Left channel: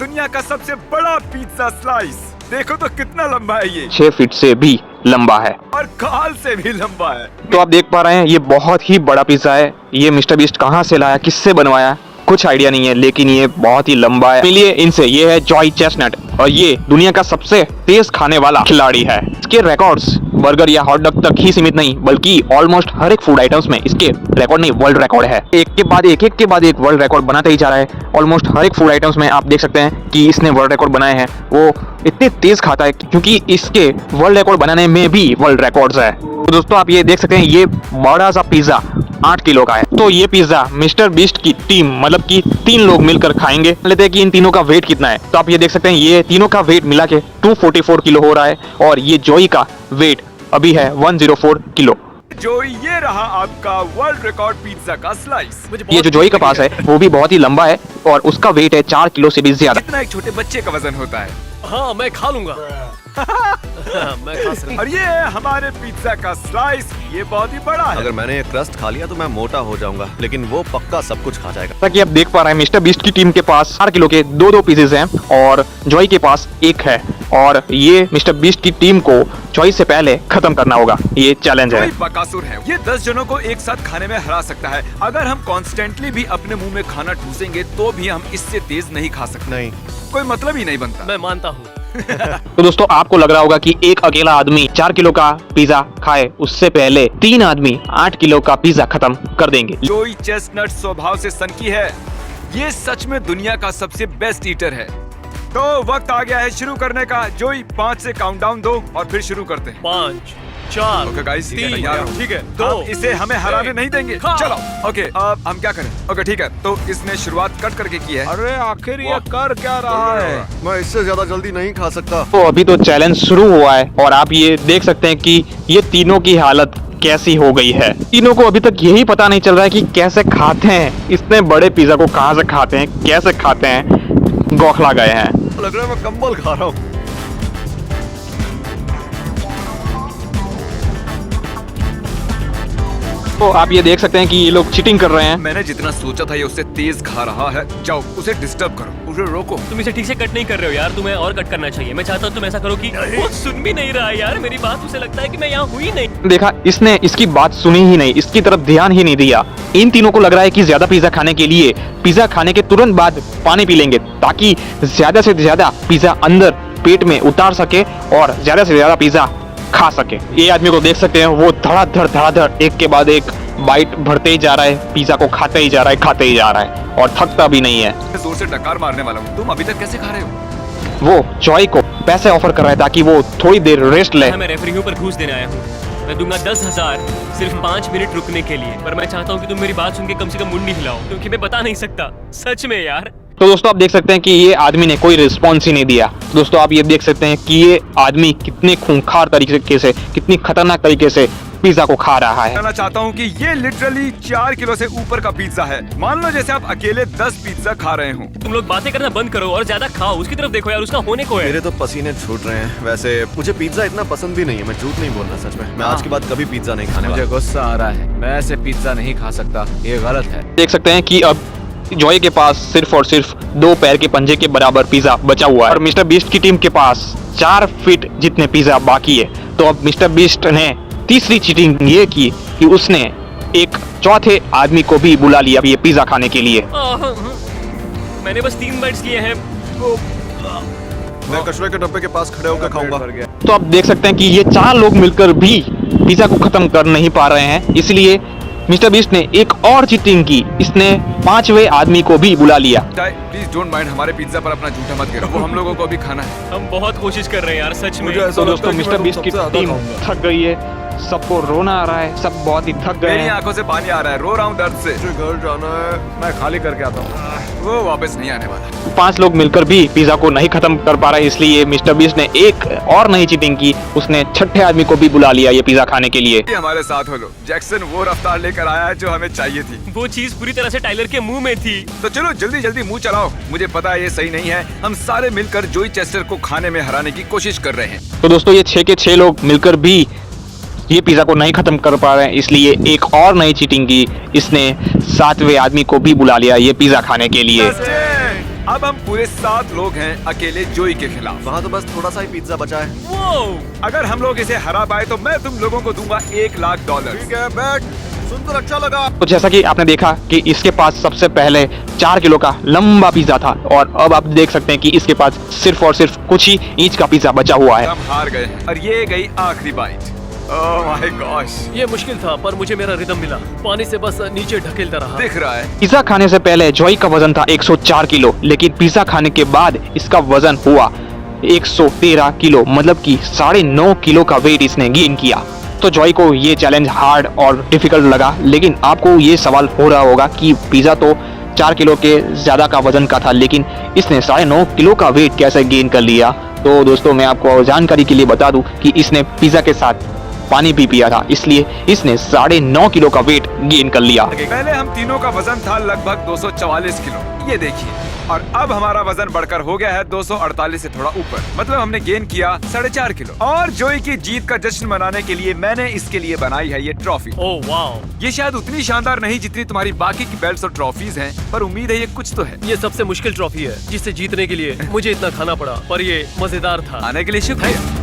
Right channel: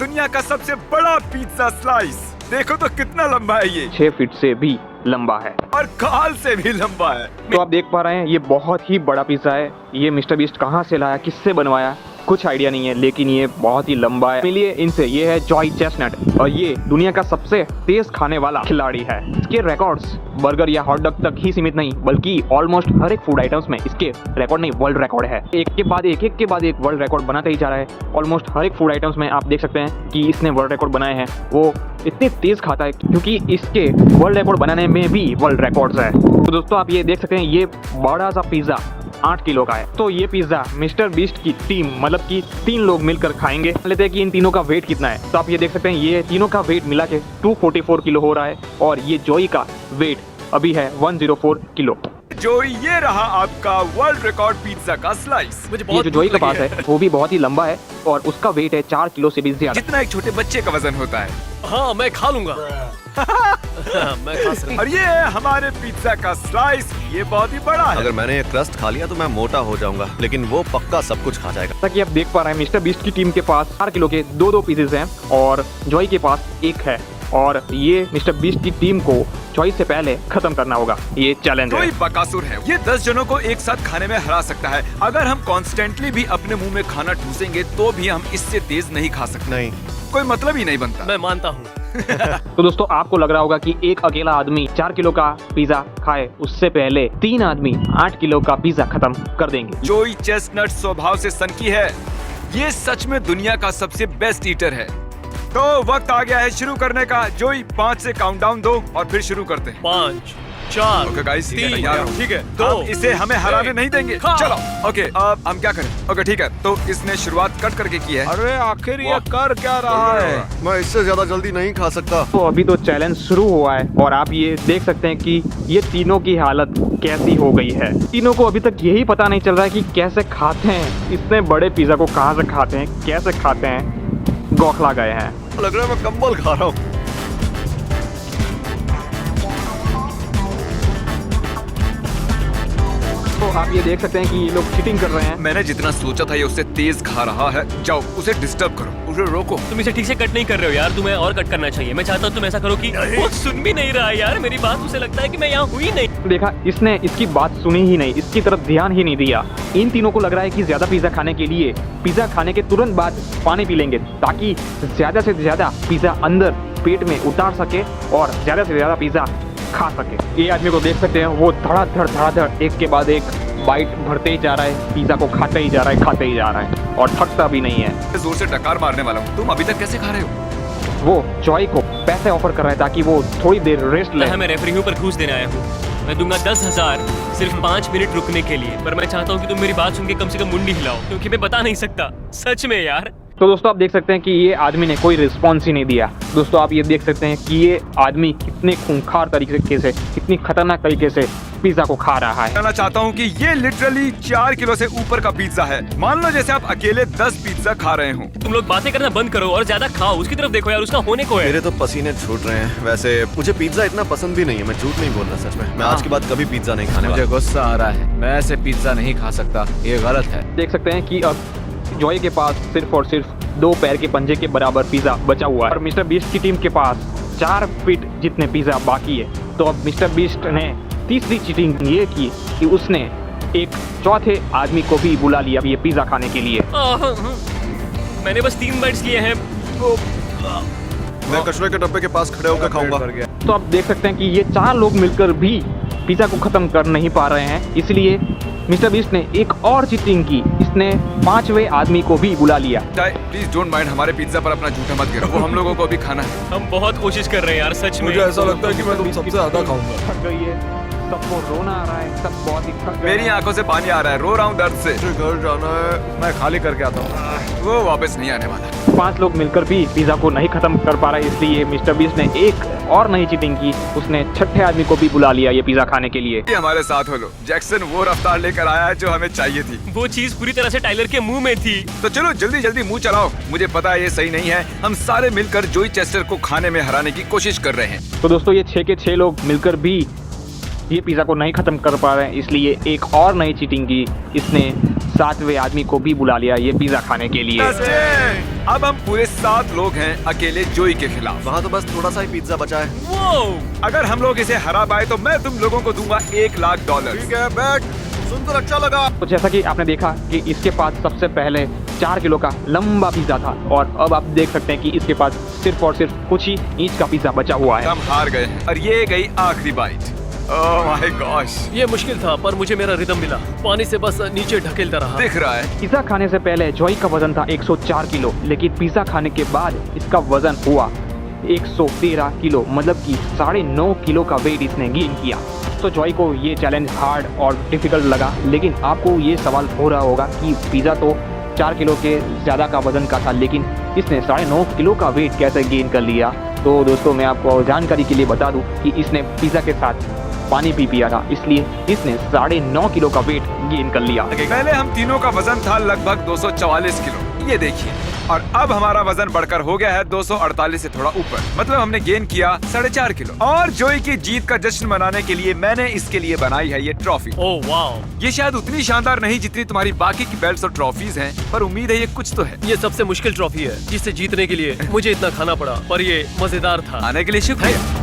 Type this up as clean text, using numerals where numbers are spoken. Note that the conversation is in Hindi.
दुनिया का सबसे बड़ा पिज्जा स्लाइस। देखो तो कितना लंबा है ये, 6 फीट से भी लंबा है और खाल से भी लंबा है। तो आप देख पा रहे हैं ये बहुत ही बड़ा पिज्जा है। ये मिस्टर बीस्ट कहाँ से लाया, किससे बनवाया, कुछ आइडिया नहीं है, लेकिन ये बहुत ही लंबा है। मिलिए इनसे। ये है जॉय चेस्टनट और ये दुनिया का सबसे तेज खाने वाला खिलाड़ी है। इसके रिकॉर्ड्स बर्गर या हॉट डॉग तक ही सीमित नहीं, बल्कि ऑलमोस्ट हर एक फूड आइटम्स में इसके रिकॉर्ड नहीं, वर्ल्ड रिकॉर्ड है। एक के बाद एक वर्ल्ड रिकॉर्ड बनाते ही जा रहा है। ऑलमोस्ट हर एक फूड आइटम्स में आप देख सकते हैं कि इसने वर्ल्ड रिकॉर्ड बनाए हैं। वो इतने तेज खाता है क्योंकि इसके वर्ल्ड रिकॉर्ड बनाने में भी वर्ल्ड रिकॉर्ड्स है। तो दोस्तों आप ये देख सकते हैं ये बड़ा सा पिज्जा 8 किलो का है। तो ये पिज्जा मिस्टर बीस्ट की टीम मतलब कि 3 लोग मिलकर खाएंगे। लेते हैं कि इन तीनों का वेट कितना है। तो आप ये देख सकते हैं ये तीनों का वेट मिला के 244 किलो हो रहा है और ये जॉय का वेट अभी है 104 किलो। जो ये रहा आपका वर्ल्ड रिकॉर्ड पिज्जा का स्लाइस। ये जो जॉय के पास है वो भी बहुत ही लंबा है और उसका वेट है 4 किलो से भी ज्यादा, जितना एक छोटे बच्चे का वजन होता है। हाँ मैं खा लूंगा। मैं खा सकता हूँ। और ये है हमारे पिज्जा का स्लाइस। ये बहुत ही बड़ा है। अगर मैंने ये क्रस्ट खा लिया तो मैं मोटा हो जाऊंगा, लेकिन वो पक्का सब कुछ खा जाएगा। जैसा कि आप देख पा रहे हैं मिस्टर बीस्ट की टीम के पास 4 किलो के 2 पीसेज हैं और जॉय के पास 1 है और ये मिस्टर बीस्ट की टीम को जॉय से पहले खत्म करना होगा। ये चैलेंज है। जॉय बकासुर है। ये 10 जनों को एक साथ खाने में हरा सकता है। अगर हम कॉन्स्टेंटली भी अपने मुंह में खाना ठूसेंगे तो भी हम इससे तेज नहीं खा सकते। नहीं, कोई मतलब ही नहीं बनता। मैं मानता हूँ। तो दोस्तों आपको लग रहा होगा कि एक अकेला आदमी 4 किलो का पिज्जा खाए, उससे पहले 3 आदमी 8 किलो का पिज्जा खत्म कर देंगे। जॉय चेस्टनट स्वभाव से सनकी है। ये सच में दुनिया का सबसे बेस्ट ईटर है। तो वक्त आ गया है शुरू करने का। जॉय 5 से काउंटडाउन दो और फिर शुरू करते हैं। 5, 4, ओके गाइस, 3, तैयार हो? ठीक है, अब 2, इसे हमें हराने 1, नहीं देंगे। हाँ। चलो ओके, अब हम क्या करें? ओके ठीक है, तो इसने शुरुआत कट करके की है। अरे आखिर ये कर क्या रहा है? मैं इससे ज्यादा जल्दी नहीं खा सकता। तो अभी तो चैलेंज शुरू हुआ है और आप ये देख सकते हैं कि ये तीनों की हालत कैसी हो गई है। तीनों को अभी तक यही पता नहीं चल रहा है कि कैसे खाते हैं, इतने बड़े पिज्जा को कहाँ से खाते हैं, कैसे खाते हैं, गौखला गए हैं। लग रहा है मैं कंबल खा रहा हूँ। तो आप ये देख सकते हैं कि ये लोग चीटिंग कर रहे हैं। मैंने जितना सोचा था ये उससे तेज खा रहा है। जाओ उसे डिस्टर्ब करो, उसे रोको। तुम इसे ठीक से कट नहीं कर रहे हो यार, तुम्हें और कट करना चाहिए। मैं चाहता हूँ तुम ऐसा करो कि वो सुन भी नहीं रहा है यार मेरी बात। उसे लगता है कि मैं यहाँ हुई नहीं। देखा, इसने इसकी बात सुनी ही नहीं, इसकी तरफ ध्यान ही नहीं दिया। इन तीनों को लग रहा है कि ज्यादा पिज्जा खाने के लिए पिज्जा खाने के तुरंत बाद पानी पी लेंगे ताकि ज्यादा से ज्यादा पिज्जा अंदर पेट में उतार सके और ज्यादा से ज्यादा पिज्जा खा सके। ये आदमी को देख सकते हैं वो धड़ाधड़ एक के बाद एक बाइट भरते ही जा रहा है, पिज्जा को खाते ही जा रहा है और थकता भी नहीं है। जोर से डकार मारने वाला हूँ। तुम अभी तक कैसे खा रहे हो? वो जॉय को पैसे ऑफर कर रहा है ताकि वो थोड़ी देर रेस्ट ले। मैं रेफरी हूँ पर घूस देने आया हूँ। मैं दूंगा 10,000 सिर्फ 5 मिनट रुकने के लिए, पर मैं चाहता हूँ कि तुम मेरी बात सुन के कम से कम मुंडी हिलाओ, क्योंकि मैं बता नहीं सकता सच में यार। तो दोस्तों आप देख सकते हैं कि ये आदमी ने कोई रिस्पॉन्स ही नहीं दिया। दोस्तों आप ये देख सकते हैं कि ये आदमी कितने खूंखार तरीके से, कितनी खतरनाक तरीके से पिज्जा को खा रहा है। कहना चाहता हूँ कि ये लिटरली 4 किलो से ऊपर का पिज्जा है। मान लो जैसे आप अकेले 10 पिज्जा खा रहे हो। तुम लोग बातें करना बंद करो और ज्यादा खाओ। उसकी तरफ देखो यार, उसका होने को है। मेरे तो पसीने छूट रहे हैं। वैसे मुझे पिज्जा इतना पसंद भी नहीं है, मैं झूठ नहीं बोल रहा। सच में मैं आज के बाद कभी पिज्जा नहीं खाने वाला। मुझे गुस्सा आ रहा है। मैं ऐसे पिज्जा नहीं खा सकता, ये गलत है। देख सकते हैं कि अब जॉय के पास सिर्फ और सिर्फ 2 पैर के पंजे के बराबर पिज्जा बचा हुआ है और मिस्टर बीस्ट की टीम के पास 4 फीट जितने पिज्जा बाकी है। तो अब मिस्टर बीस्ट ने तीसरी चीटिंग ये की कि उसने एक चौथे आदमी को भी बुला लिया ये पिज्जा खाने के लिए। मैंने बस 3 बाइट्स लिए हैं। मैं कचरे के डब्बे के पास खड़े होकर खाऊंगा। तो आप देख सकते हैं कि ये 4 लोग मिलकर भी पिज्जा को खत्म कर नहीं पा रहे हैं, इसलिए मिस्टर बीस्ट ने एक और चीटिंग की। इसने 5वें आदमी को भी बुला लिया। प्लीज डोंट माइंड, हमारे पिज्जा पर अपना झूठा मत गिरो। वो हम लोगों को भी खाना है। हम बहुत कोशिश कर रहे हैं यार, सच में। मुझे ऐसा लगता है कि मैं बीस्ट की सबसे ज्यादा टीम खाऊंगा। थक गई है, सबको रोना आ रहा है, सब बहुत ही थक गए मेरी हैं। आंखों से पानी आ रहा है, रो रहा हूँ दर्द से। मुझे घर जाना है। मैं खाली करके आता हूँ। वो वापस नहीं आने वाला। 5 लोग मिलकर भी पिज्जा को नहीं खत्म कर पा रहे, इसलिए मिस्टर बीस्ट ने एक और नई चीटिंग की। उसने 6ठे आदमी को भी बुला लिया ये पिज्जा खाने के लिए। ये हमारे साथ हो लो। जैक्सन वो रफ्तार लेकर आया है जो हमें चाहिए थी। वो चीज पूरी तरह से टाइलर के मुंह में थी। तो चलो जल्दी जल्दी मुंह चलाओ। मुझे पता है ये सही नहीं है। हम सारे मिलकर जॉय चेस्टर को खाने में हराने की कोशिश कर रहे हैं। तो दोस्तों ये 6 के 6 लोग मिलकर भी ये पिज्जा को नहीं खत्म कर पा रहे हैं, इसलिए एक और नई चीटिंग की। इसने 7वें आदमी को भी बुला लिया ये पिज्जा खाने के लिए। अब हम पूरे 7 लोग हैं अकेले जोई के खिलाफ। वहाँ तो बस थोड़ा सा ही पिज्जा बचा है। वो अगर हम लोग इसे हरा पाए तो मैं तुम लोगों को दूंगा $1,00,000। ठीक है, बैठ। सुनकर अच्छा लगा। तो जैसा कि आपने देखा कि इसके पास सबसे पहले 4 किलो का लंबा पिज्जा था और अब आप देख सकते हैं कि इसके पास सिर्फ और सिर्फ कुछ ही इंच का पिज्जा बचा हुआ है। हम हार गए हैं और ये गई आखिरी बाइट। ओह माय गॉश, ये मुश्किल था पर मुझे मेरा रिदम मिला। पानी से बस नीचे ढकेलता रहा। दिख रहा है। पिज्जा खाने से पहले जॉय का वजन था 104 किलो, लेकिन पिज्जा खाने के बाद इसका वजन हुआ 113 किलो, मतलब कि 9.5 किलो का वेट इसने गेन किया। तो जॉय को ये चैलेंज हार्ड और डिफिकल्ट लगा, लेकिन आपको ये सवाल हो रहा होगा कि पिज्जा तो 4 किलो के ज्यादा का वजन का था, लेकिन इसने 9.5 किलो का वेट कैसे गेन कर लिया। तो दोस्तों मैं आपको जानकारी के लिए बता दूं कि इसने पिज्जा के साथ पानी भी पिया था, इसलिए इसने 9.5 किलो का वेट गेन कर लिया। पहले हम तीनों का वजन था लगभग 244 किलो, ये देखिए, और अब हमारा वजन बढ़कर हो गया है 248 से थोड़ा ऊपर, मतलब हमने गेन किया 4.5 किलो। और जोई की जीत का जश्न मनाने के लिए मैंने इसके लिए बनाई है ये ट्रॉफी। ओह वाओ, ये शायद उतनी शानदार नहीं जितनी तुम्हारी बाकी की बेल्ट्स और ट्रॉफीज हैं, पर उम्मीद है ये कुछ तो है। ये सबसे मुश्किल ट्रॉफी है जिसे जीतने के लिए मुझे इतना खाना पड़ा, पर ये मजेदार था। आने के लिए शुक्रिया।